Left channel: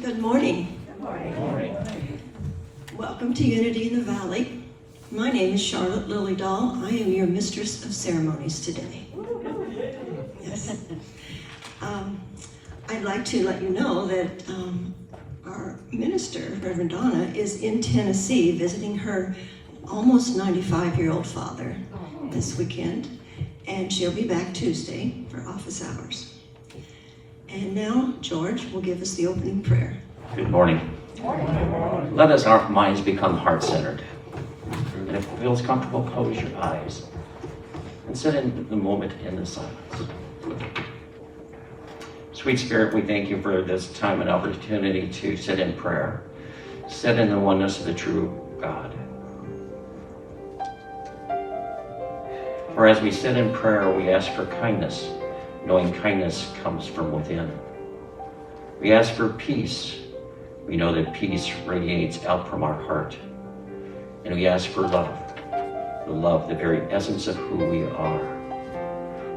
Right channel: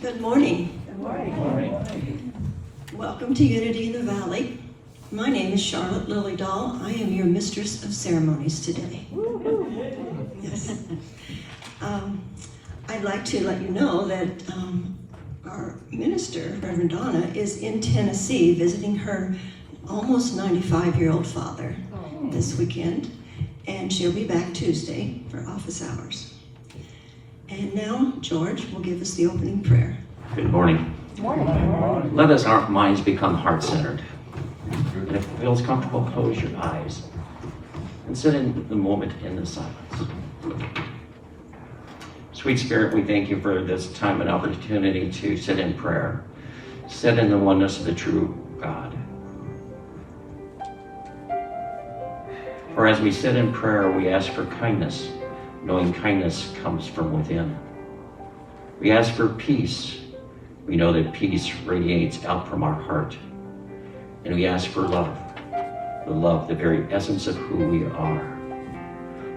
Good morning. Good morning. Good morning. Welcome to Unity in the Valley. My name is Charlotte Lillydahl. I am your mistress of ceremonies today. Yes. I'd like to let you know that our minister, Reverend Donna, is in Tennessee visiting her almost 95-year-old father this weekend, and she'll be back Tuesday for office hours. And now George will give us the opening prayer. Good morning. Good morning. Let us, our minds become heart-centered. And if it feels comfortable, close your eyes and sit in the moment in the silence. Sweet Spirit, we thank you for this time and opportunity to sit in prayer, sit in the oneness of the true God. For as we sit in prayer, we ask for kindness, knowing kindness comes from within. We ask for peace. We know that peace radiates out from our heart. And we ask for love, the very essence of who we are.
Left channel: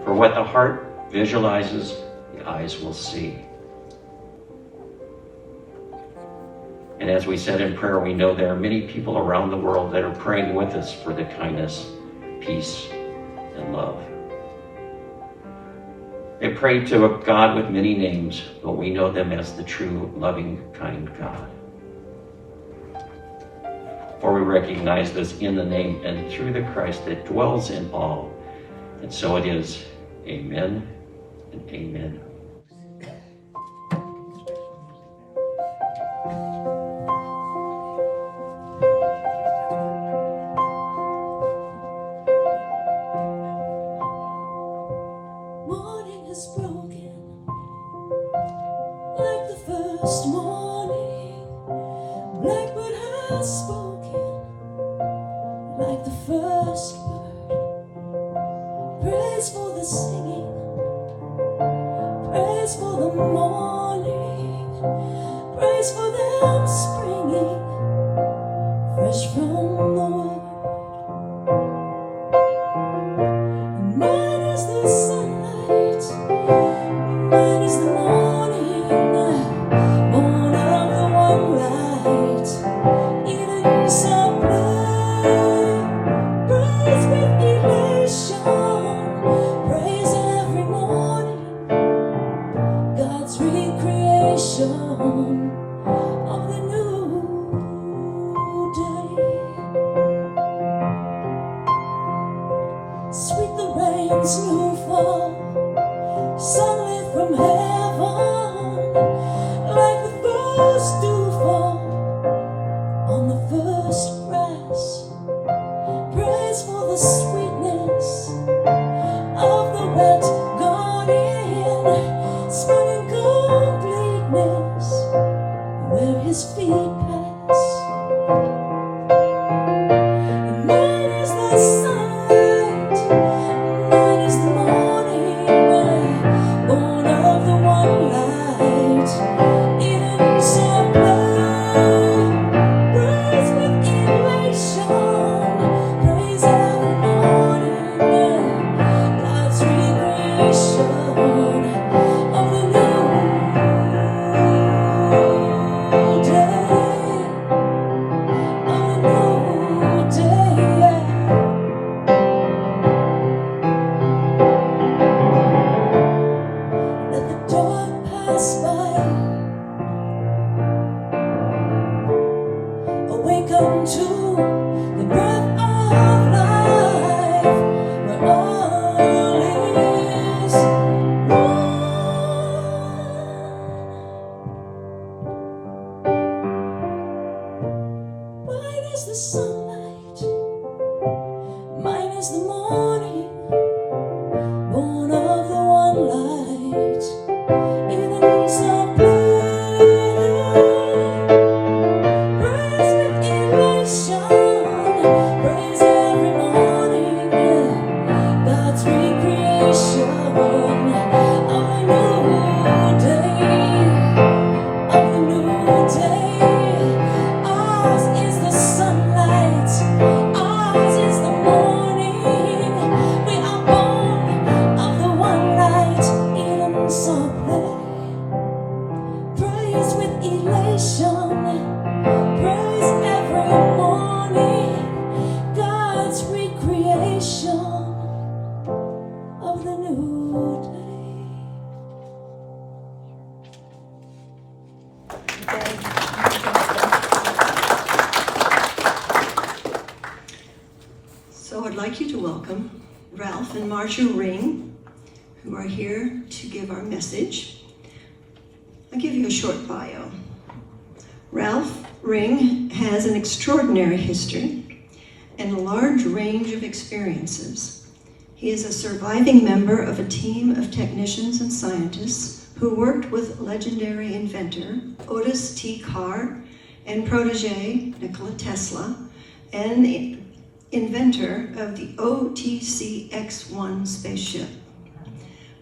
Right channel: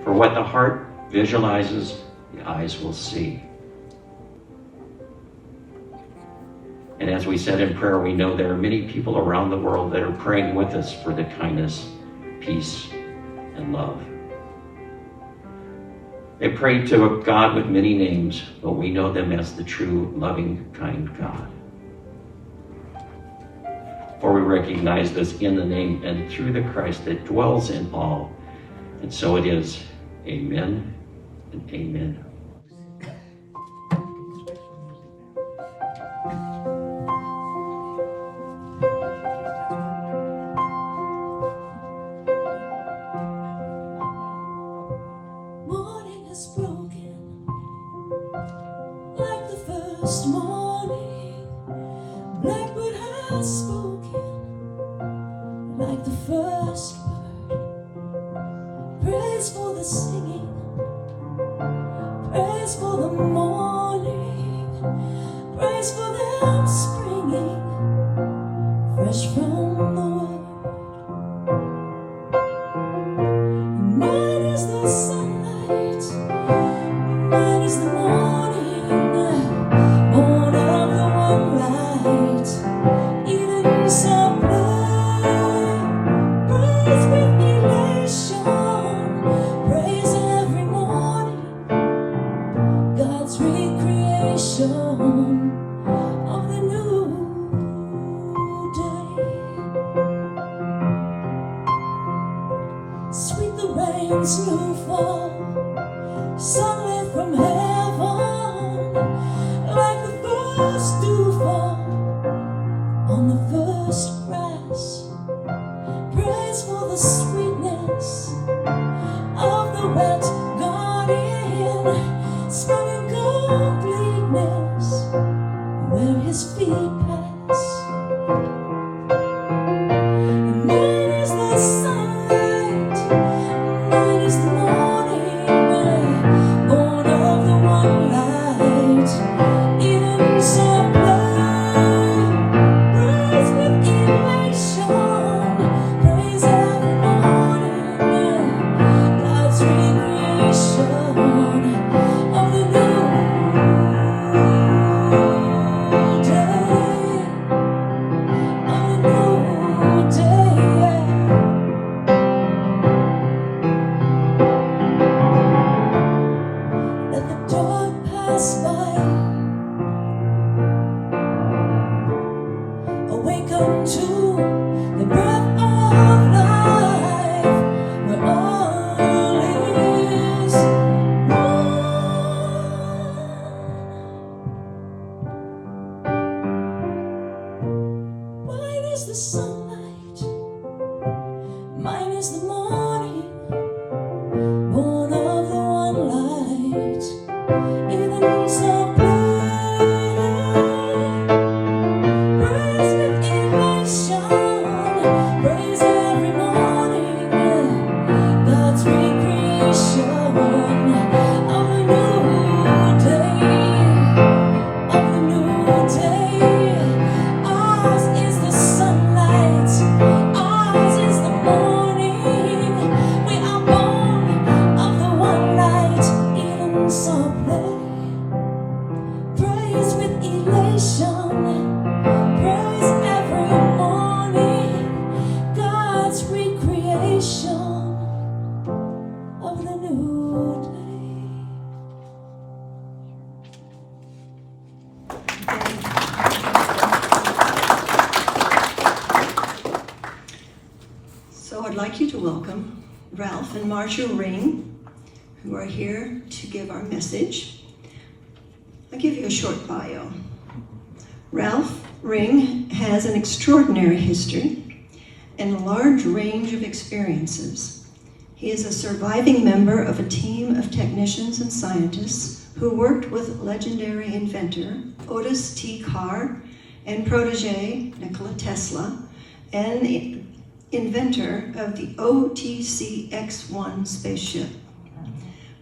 For what the heart visualizes, the eyes will see. And as we said in prayer, we know there are many people around the world that are praying with us for the kindness, peace, and love. They pray to a God with many names, but we know them as the true, loving, kind God. For we recognize this in the name and through the Christ that dwells in all. And so it is. Amen and amen. Morning has broken like the first morning. Blackbird has spoken like the first word. Praise for the singing, praise for the morning, praise for them springing fresh from the word. Mine is the sunlight, mine is the morning, born of the one light, Eden supply. Praise with elation, praise every morning, God's recreation of the new day. Sweet the rain's new fall, sunlit from heaven, like the first dew fall on the first grass. Praise for the sweetness of the wet garden, sprung in completeness where his feet pass. And mine is the sunlight, mine is the morning, born of the one light, Eden supply. Praise with elation, praise every morning, God's recreation of the new day, of the new day. Let the dark pass by, awaken to the breath of life, where all is one. Mine is the sunlight, mine is the morning, born of the one light, Eden supply. Praise with elation, praise every morning, God's recreation of a new day, of a new day. Ours is the sunlight, Praise every morning, God's recreation of the new day. So I'd like you to welcome Ralph and Marsha Ring, who are here to give our message. I'll give you a short bio. Ralph Ring has an extraordinary history and a large range of experiences. He is a surviving member of a team of technicians and scientists who worked with legendary inventor Otis T. Carr and protege Nikola Tesla, and the inventor of the OTC X-1 spaceship.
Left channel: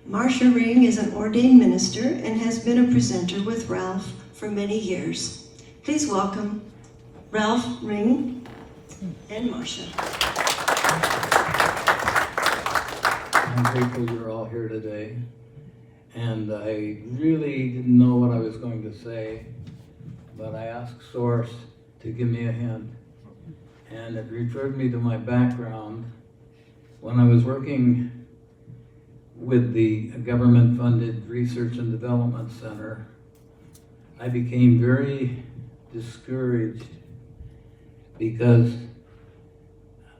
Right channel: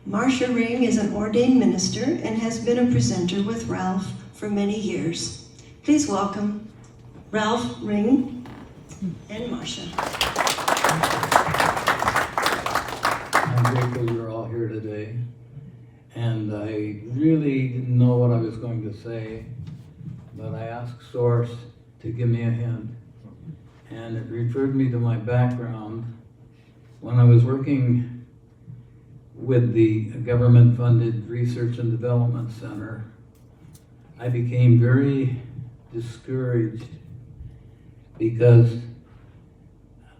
Marsha Ring is an ordained minister and has been a presenter with Ralph for many years. Please welcome Ralph Ring and Marsha. I'm grateful you're all here today, and I really didn't know what I was going to say, but I asked Source to give me a hint, and it referred me to my background. When I was working with the government-funded Research and Development Center, I became very discouraged because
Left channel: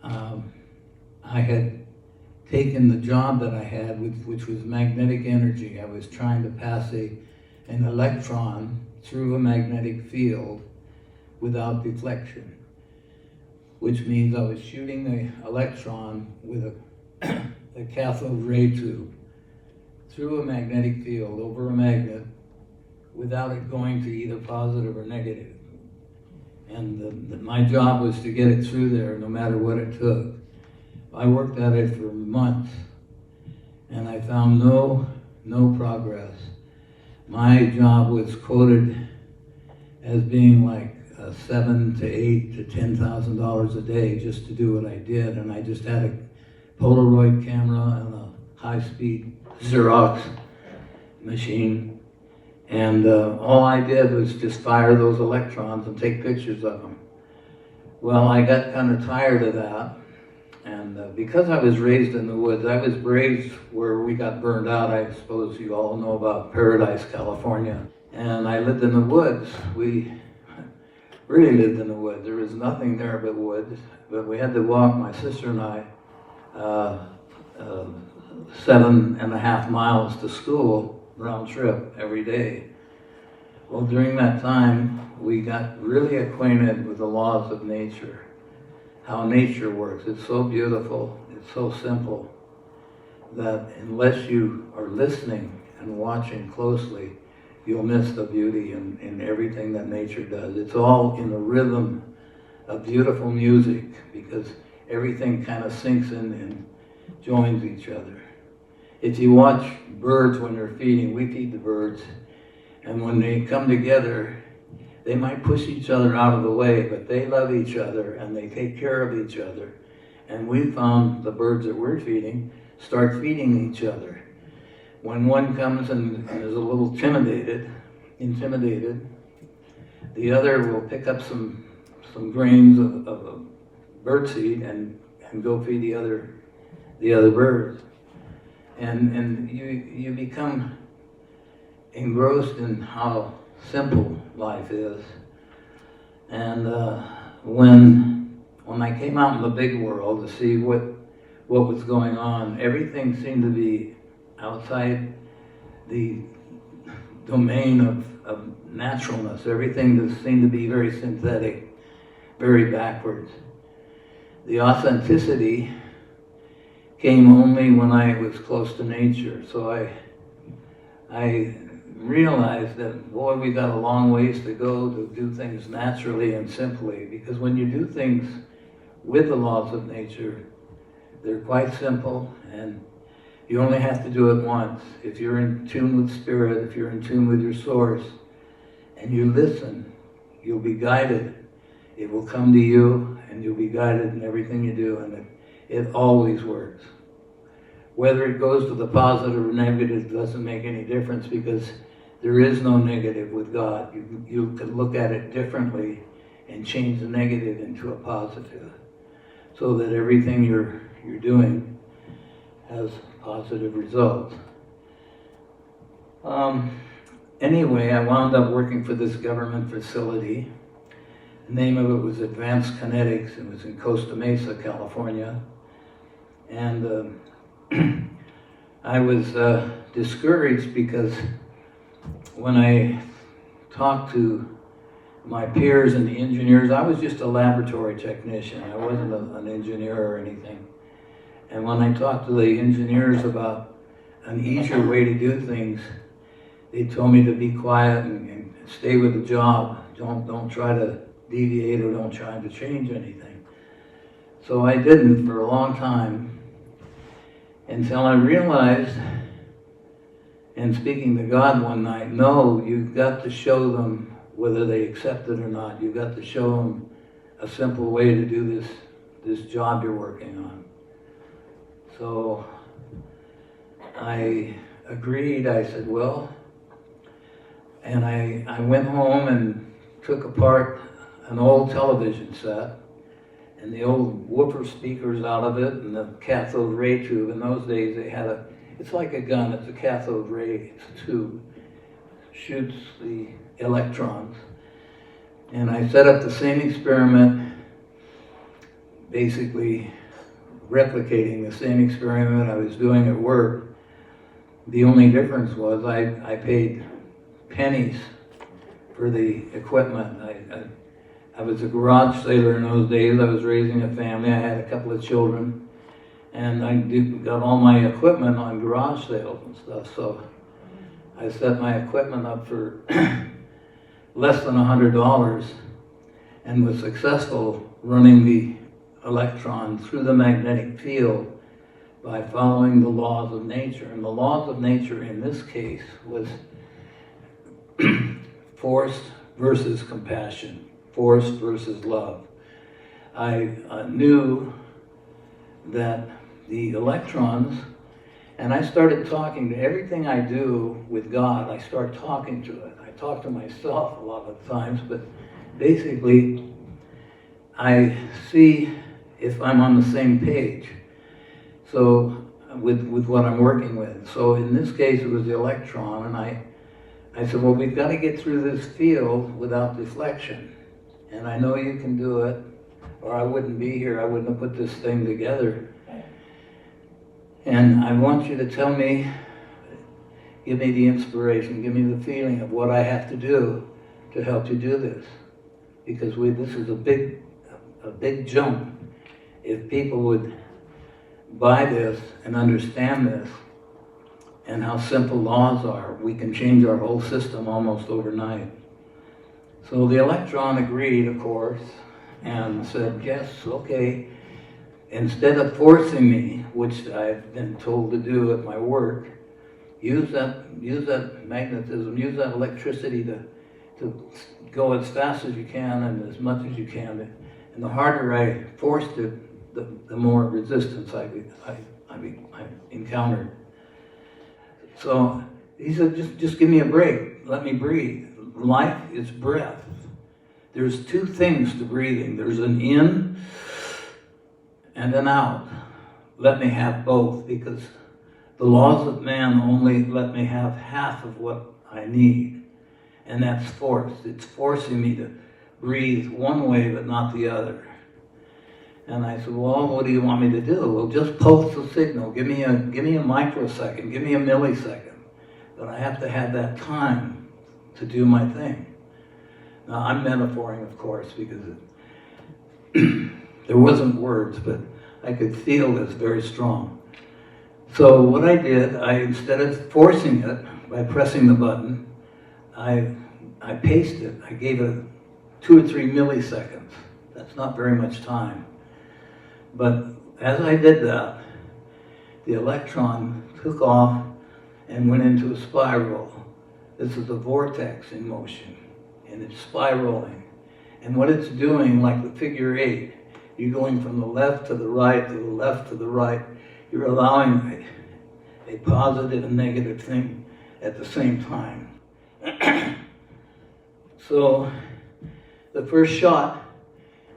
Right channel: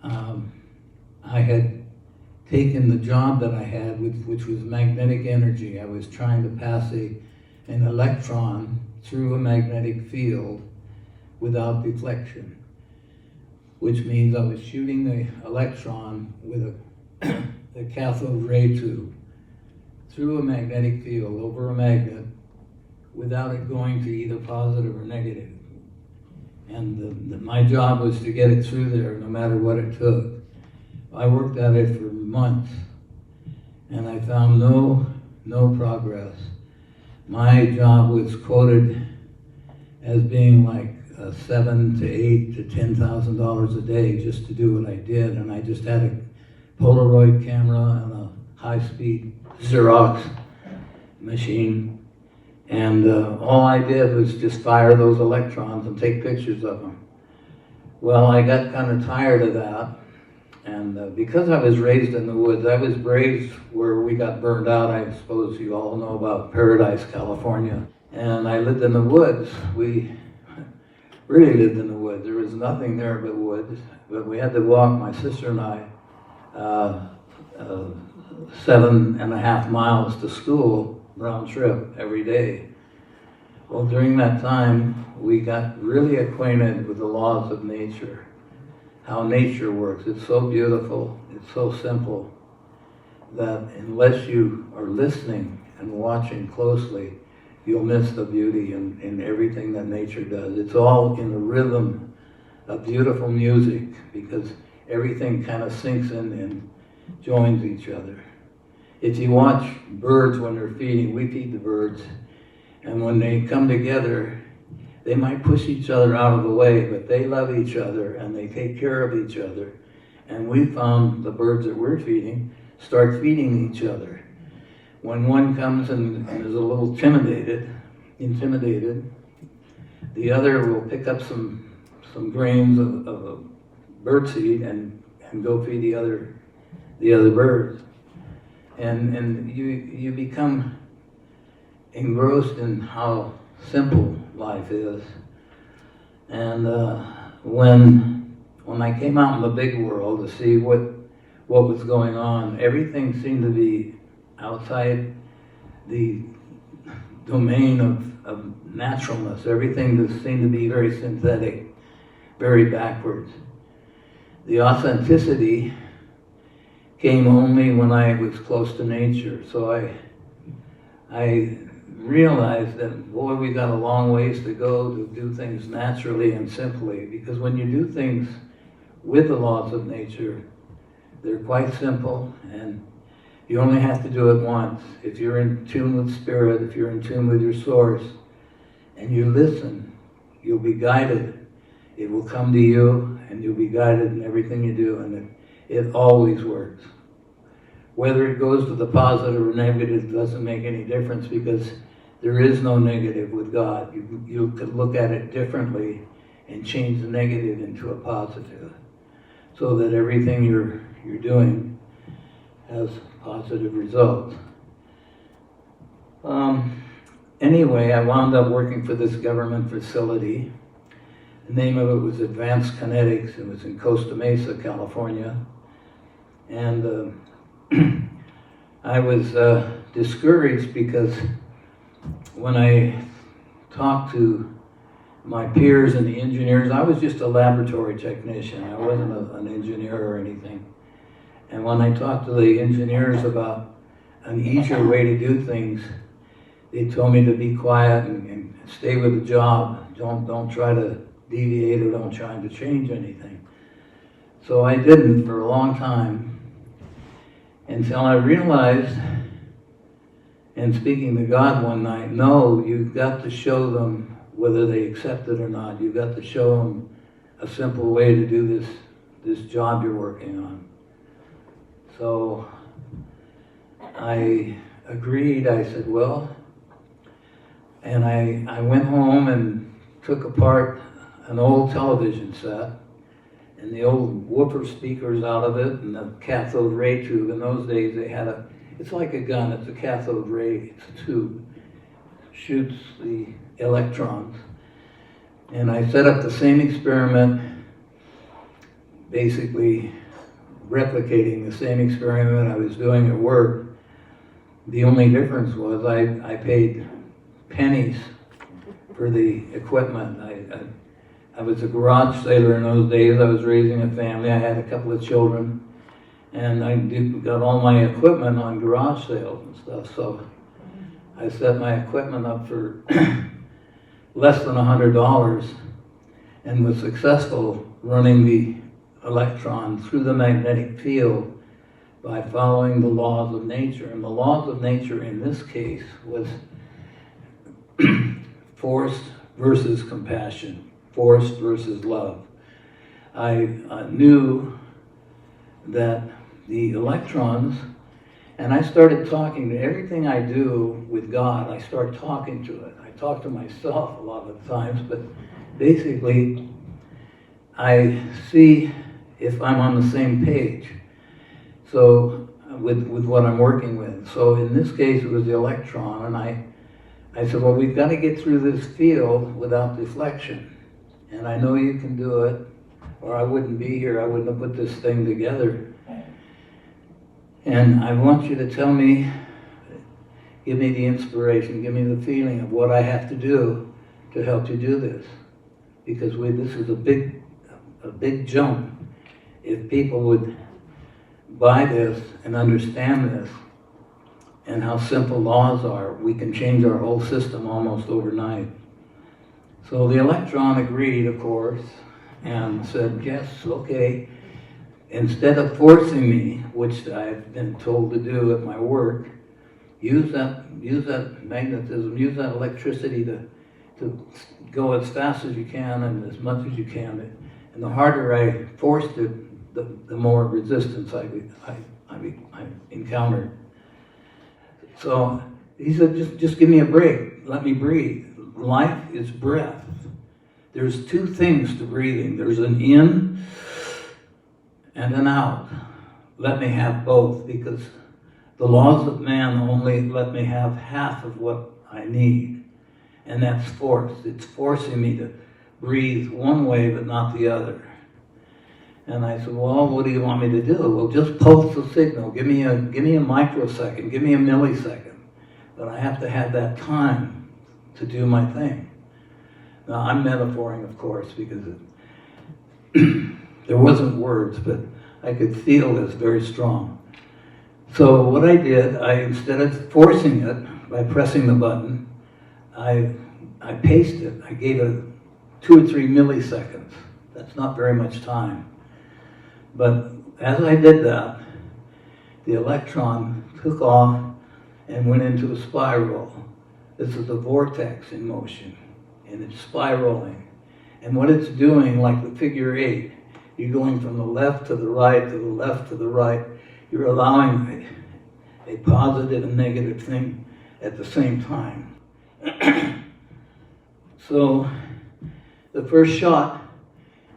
I had taken the job that I had, which was magnetic energy. I was trying to pass an electron through a magnetic field without deflection, which means I was shooting the electron with a cathode ray tube through a magnetic field over a magnet without it going to either positive or negative. And my job was to get it through there no matter what it took. I worked at it for months, and I found no progress. My job was quoted as being like $7,000 to $8,000 to $10,000 a day just to do what I did, and I just had a Polaroid camera and a high-speed Xerox machine, and all I did was just fire those electrons and take pictures of them. Well, I got kind of tired of that, and because I was raised in the woods, I was raised where we got burned out. I suppose you all know about Paradise, California. And I lived in the woods. We really lived in the woods. There was nothing there but woods, but we had to walk, my sister and I, 7.5 miles to school, round trip, every day. Well, during that time, we got really acquainted with the laws of nature, how nature works. It's so beautiful, it's so simple, that unless you are listening and watching closely, you'll miss the beauty in everything that nature does. It's all in the rhythm of beautiful music, because everything kind of sinks in and joins each other. If you watch birds when they're feeding, we feed the birds, and when they come together, they might push each other out of the way, but they love each other and they take care of each other. And we found the birds that we're feeding start feeding each other. When one comes and is a little intimidated, the other will pick up some grains of birdseed and go feed the other birds. And you become engrossed in how simple life is. And when I came out in the big world to see what was going on, everything seemed to be outside the domain of naturalness. Everything just seemed to be very synthetic, very backwards. The authenticity came only when I was close to nature. So I realized that, boy, we got a long ways to go to do things naturally and simply, because when you do things with the laws of nature, they're quite simple, and you only have to do it once. If you're in tune with spirit, if you're in tune with your source, and you listen, you'll be guided. It will come to you, and you'll be guided in everything you do, and it always works. Whether it goes to the positive or negative doesn't make any difference, because There is no negative with God. You could look at it differently and change the negative into a positive, so that everything you're doing has positive results. Anyway, I wound up working for this government facility. The name of it was Advanced Kinetics. It was in Costa Mesa, California. And I was discouraged because when I talked to my peers and the engineers, I was just a laboratory technician. I wasn't an engineer or anything. And when I talked to the engineers about an easier way to do things, they told me to be quiet and stay with the job. Don't try to deviate or don't try to change anything. So I didn't for a long time until I realized, and speaking to God one night, no, you've got to show them whether they accept it or not. You've got to show them a simple way to do this job you're working on. So I agreed. I said, well, and I went home and took apart an old television set and the old woofer speakers out of it and the cathode ray tube. In those days they had it's like a gun, it's a cathode ray, it's a tube, shoots the electrons. And I set up the same experiment, basically replicating the same experiment I was doing at work. The only difference was I paid pennies for the equipment. I was a garage sailor in those days. I was raising a family. I had a couple of children. And I got all my equipment on garage sales and stuff. So I set my equipment up for less than $100 and was successful running the electron through the magnetic field by following the laws of nature. And the laws of nature in this case was force versus compassion, force versus love. I knew that the electrons, and I started talking to everything I do with God, I start talking to it. I talk to myself a lot of times, but basically I see if I'm on the same page. So with what I'm working with. So in this case it was the electron, and I said, well, we've got to get through this field without deflection. And I know you can do it, or I wouldn't be here. I wouldn't have put this thing together. And I want you to tell me, give me the inspiration, give me the feeling of what I have to do to help you do this. Because this is a big jump. If people would buy this and understand this, and how simple laws are, we can change our whole system almost overnight. So the electron agreed, of course, and said, yes, okay. Instead of forcing me, which I've been told to do at my work, use that magnetism, use that electricity to go as fast as you can and as much as you can. And the harder I forced it, the more resistance I encountered. So he said, just give me a break. Let me breathe. Life is breath. There's two things to breathing. There's an in and an out. Let me have both, because the laws of man only let me have half of what I need. And that's force. It's forcing me to breathe one way but not the other. And I said, well, what do you want me to do? Well, just pulse the signal. Give me a microsecond. Give me a millisecond. But I have to have that time to do my thing. Now, I'm metaphoring, of course, because there wasn't words, but I could feel this very strong. So what I did, instead of forcing it by pressing the button, I paced it. I gave it 2 or 3 milliseconds. That's not very much time. But as I did that, the electron took off and went into a spiral. This is a vortex in motion, and it's spiraling. And what it's doing, like the figure 8, you're going from the left to the right, to the left to the right. You're allowing a positive and negative thing at the same time. So the first shot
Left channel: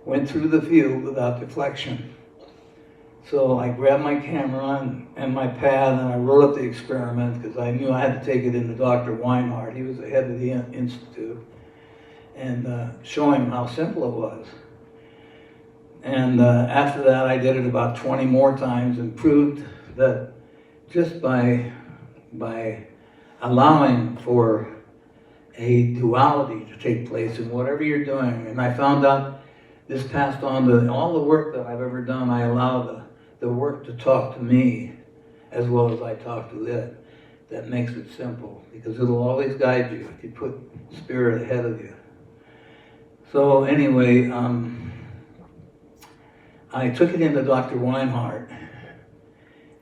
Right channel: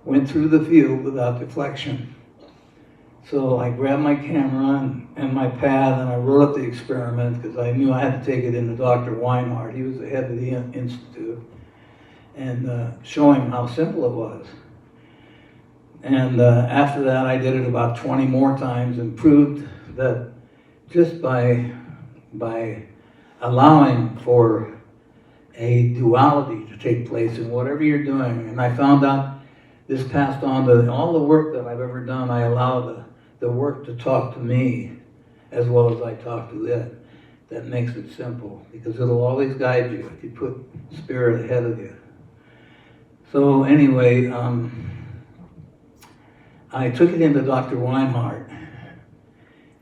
went through the field without deflection. So I grabbed my camera and my pad, and I wrote up the experiment because I knew I had to take it into Dr. Weinhardt. He was the head of the institute, and show him how simple it was. And after that, I did it about 20 more times and proved that just by allowing for a duality to take place in whatever you're doing, and I found out this passed on to all the work that I've ever done. I allow the work to talk to me as well as I talk to it. That makes it simple because it'll always guide you if you put spirit ahead of you. So anyway, I took it into Dr. Weinhardt,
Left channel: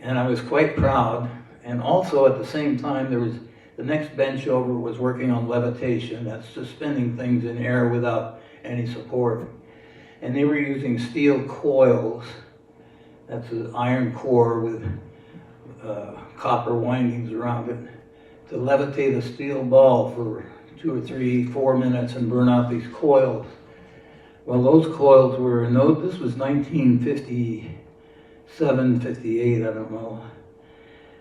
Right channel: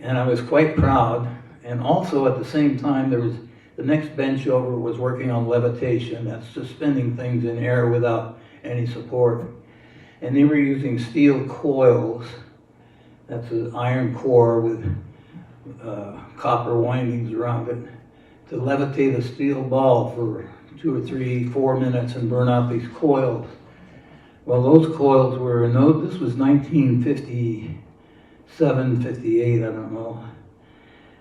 and I was quite proud. And also at the same time, there was the next bench over was working on levitation. That's suspending things in air without any support. And they were using steel coils. That's an iron core with copper windings around it to levitate a steel ball for 2 or 3, 4 minutes and burn out these coils. Well, those coils were, this was 1957, 58, I don't know.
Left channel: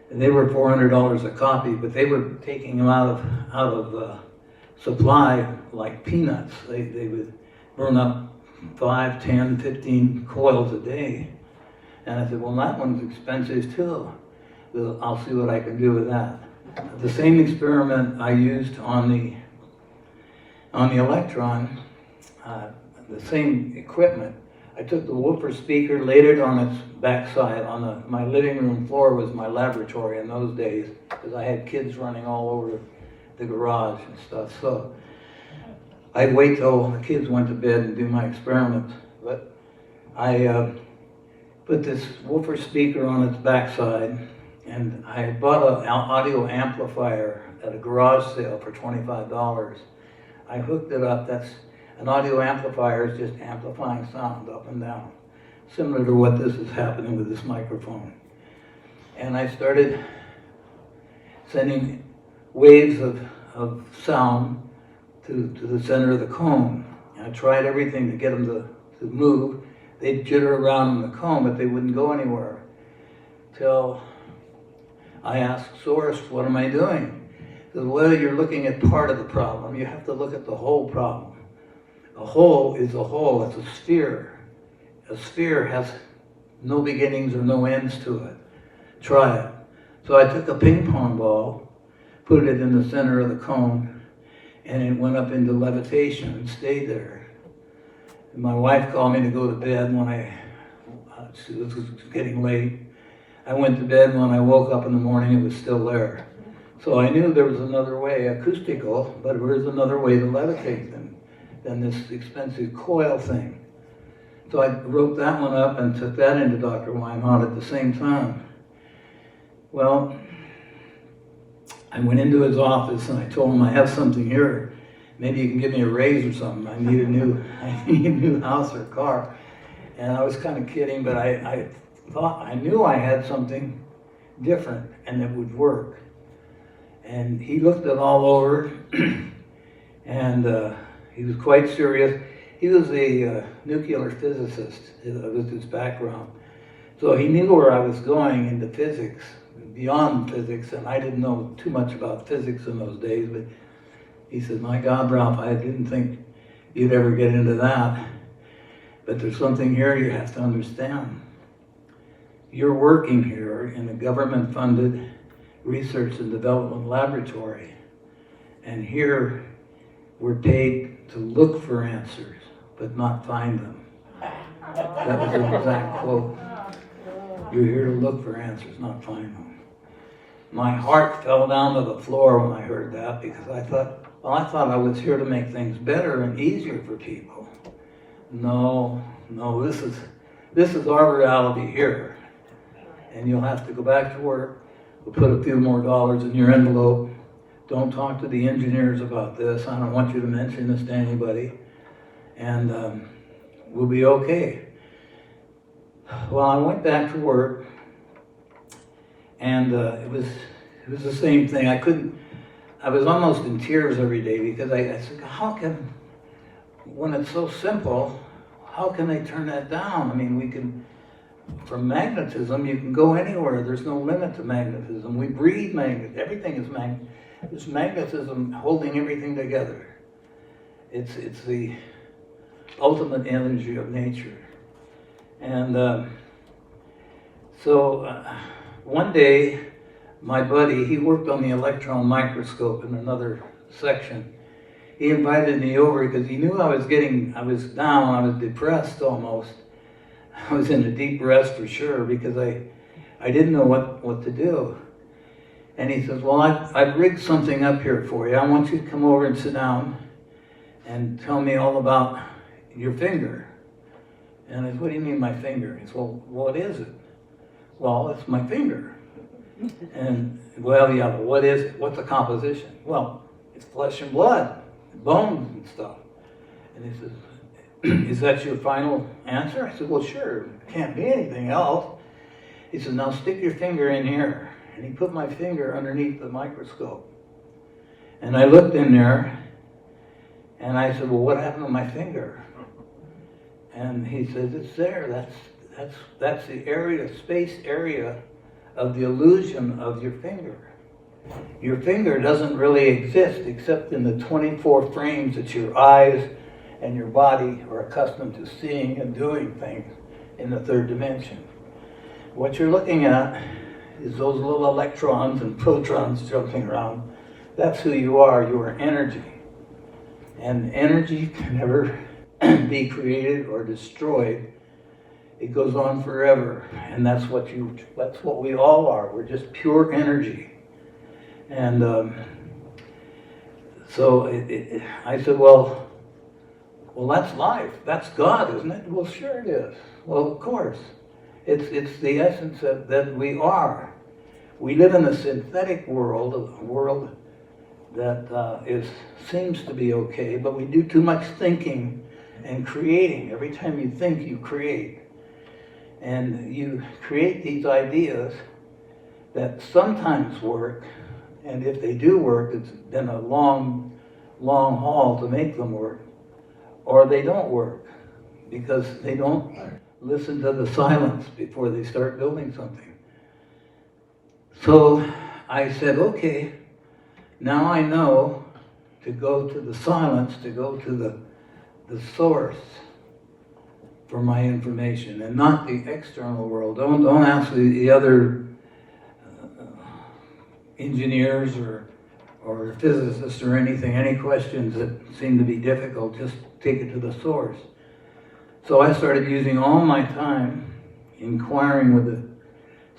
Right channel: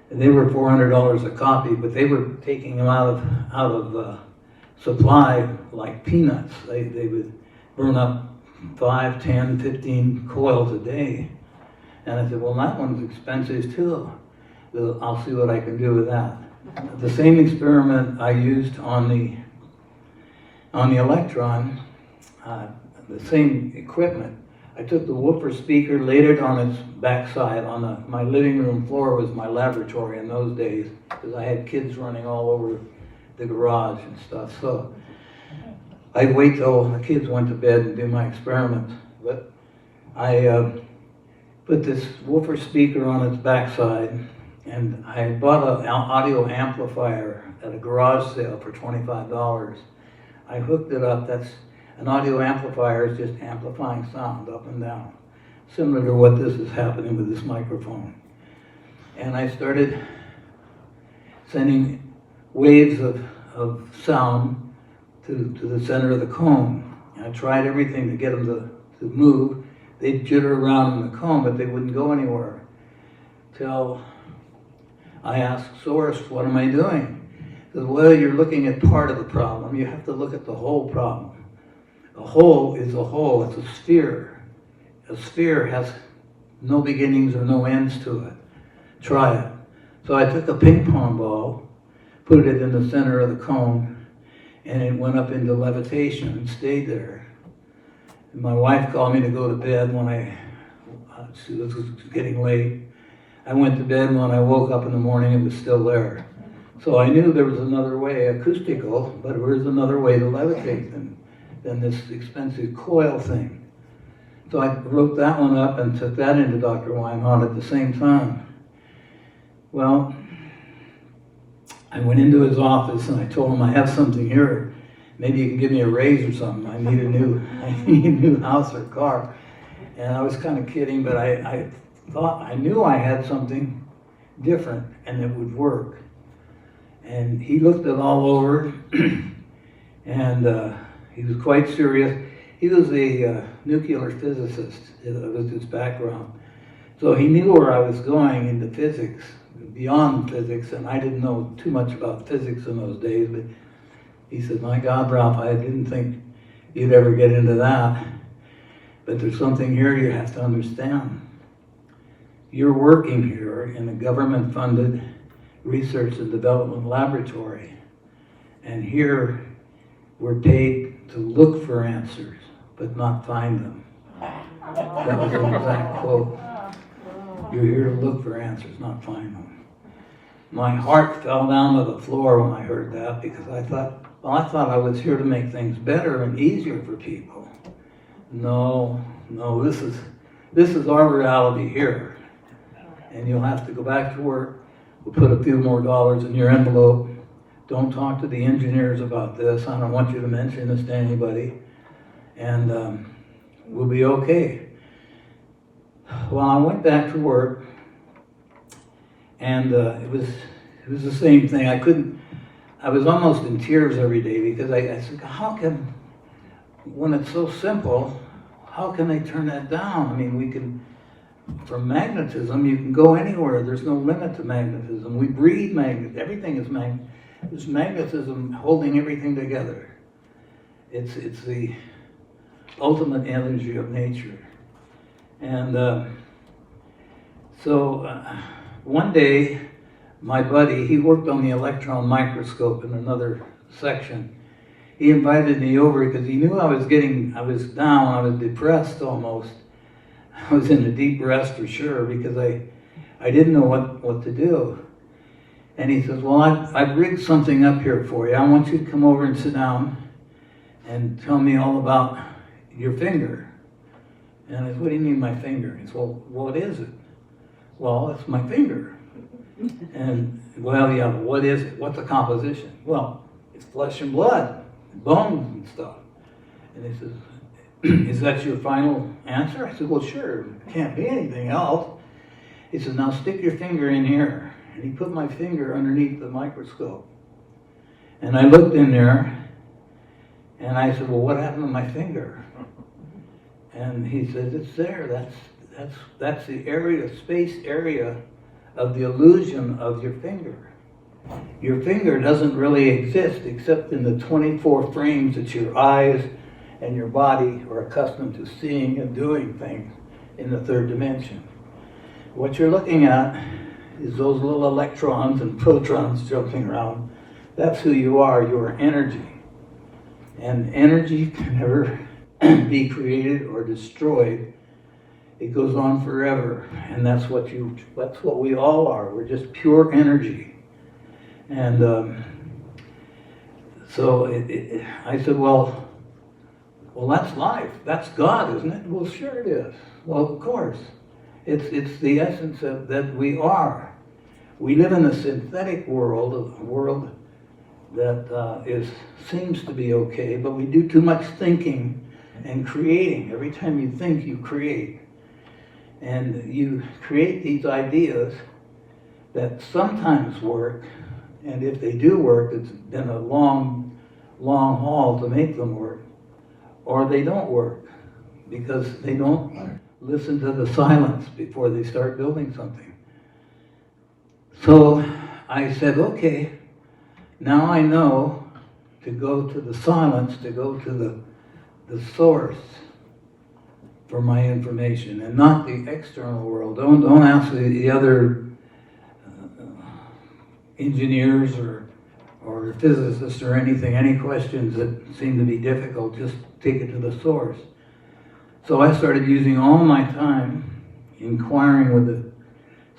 And they were $400 a copy, but they were taking them out of supply like peanuts. They would burn up 5, 10, 15 coils a day. And I said, well, that one's expensive too. I'll see what I can do with that. The same experiment I used on the Electron, the same equipment. I took the woofer speaker, laid it on its backside. My living room floor was my laboratory in those days because I had kids running all over the garage and stuff. So I'd wait till the kids went to bed and do my experiments. But I put this woofer speaker on its backside, and I had bought an audio amplifier at a garage sale for $25. I hooked it up. An audio amplifier is just amplifying sound up and down, similar to what this is happening with this microphone. And I started sending waves of sound to the center of the cone. And I tried everything to get them to move. They'd jitter around in the cone, but they wouldn't go anywhere. Till I asked Source, what am I doing? He said, well, you're looking at part of the problem. You have to look at the whole problem. A whole is a whole, it's a sphere. A sphere has no beginnings or no ends to it. Try it. So I took a ping pong ball, put it in the center of the cone, and it went up into levitation and stayed there. And my wife called me to go to bed when it was getting late. I went to bed, and when I woke up in the morning, it was still there. So I knew there was another way, acoustical, but there was another way to levitate than this expensive coil thing. So I wrote that one up and took that into Dr. Weinhardt at the same time. Well, I went into his office and I told him, I have something here. Maybe you can give me a raise or something. I need a new house or car. And I was kind of kidding, but I thought, I knew I had something different and it would work. And he looked it all over and he was quite serious. He was a nuclear physicist, that was his background. So he knew where I was going into physics, beyond physics, and I didn't know too much about physics in those days, but he said, my God, Ralph, I didn't think you'd ever get into that. But there's something here you have to understand. You're working here in a government-funded research and development laboratory, and here we're paid to look for answers, but not find them. That was an exact quote. You're here to look for answers, not find them. My heart fell down to the floor when I heard that because I thought I was here to make things better and easier for people. No, this is our reality here. And you'll have to go back to work. We'll put a few more dollars in your envelope. Don't talk to the engineers about this. I don't want you to mention this to anybody. And we'll be okay. Well, I went back to work, and it was the same thing. I I was almost in tears every day because I said, how can, when it's so simple, how can they turn that down? I mean, we can, from magnetism, you can go anywhere. There's no limit to magnetism. We breathe magnet. Everything is It's magnetism holding everything together. It's the ultimate energy of nature. And so one day, my buddy, he worked on the electron microscope in another section. He invited me over because he knew I was down, I was depressed almost. I was in a deep rest for sure because I didn't know what to do. And he says, well, I've rigged something up here for you. I want you to come over and sit down and tell me all about your finger. And I said, what do you mean my finger? He said, well, what is it? Well, it's my finger. And, well, yeah, but what is it? What's the composition? Well, it's flesh and blood, bones and stuff. And he says, is that your final answer? I said, well, sure, it can't be anything else. He says, now stick your finger in here. And he put my finger underneath the microscope. And I looked in there, and I said, well, what happened to my finger? And he says, it's there. That's the area, space area of the illusion of your finger. Your finger doesn't really exist except in the 24 frames that your eyes and your body are accustomed to seeing and doing things in the third dimension. What you're looking at is those little electrons and protons jumping around. That's who you are. You are energy. And energy can never be created or destroyed. It goes on forever, and that's what we all are. We're just pure energy. And so I said, well, that's life. That's God, isn't it? Well, sure it is. Well, of course. It's the essence that we are. We live in a synthetic world, a world that seems to be okay, but we do too much thinking and creating. Every time you think, you create. And you create these ideas that sometimes work, and if they do work, it's been a long, long haul to make them work, or they don't work because they don't listen to the silence before they start building something. So I said, okay, now I know to go to the silence, to go to the source for my information, and not the external world. Don't ask the other engineers or physicists or anything, any questions that seem to be difficult. Just take it to the source. So I started using all my time inquiring with the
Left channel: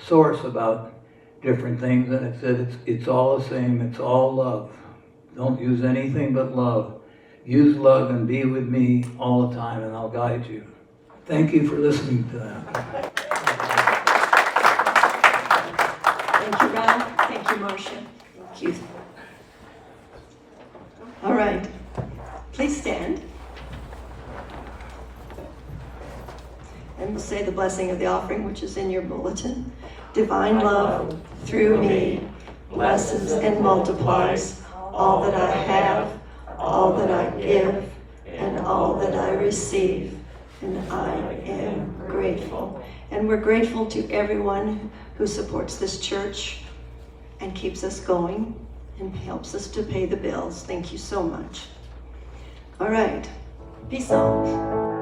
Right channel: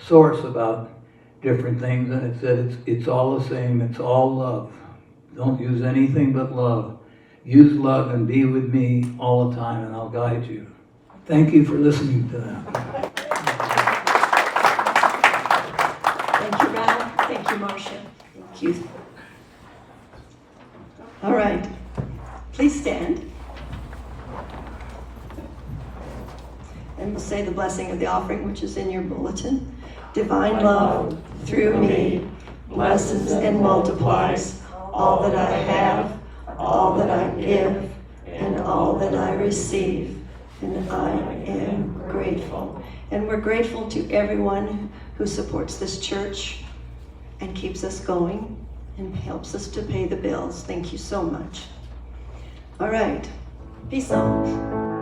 source about different things, and it said it's all the same, it's all love. Don't use anything but love. Use love and be with me all the time, and I'll guide you. Thank you for listening to that. Thank you, Ralph. Thank you, Marsha. Thank you. All right. Please stand. And we'll say the blessing of the offering, which is in your bulletin. Divine love through me blesses and multiplies all that I have, all that I give, and all that I receive. And I am grateful. And we're grateful to everyone who supports this church and keeps us going and helps us to pay the bills. Thank you so much. All right. Peace out.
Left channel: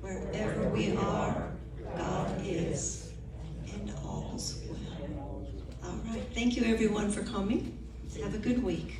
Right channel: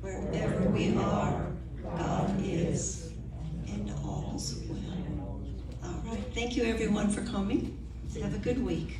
Wherever we are, God is. Thank you everyone for coming. Have a good week.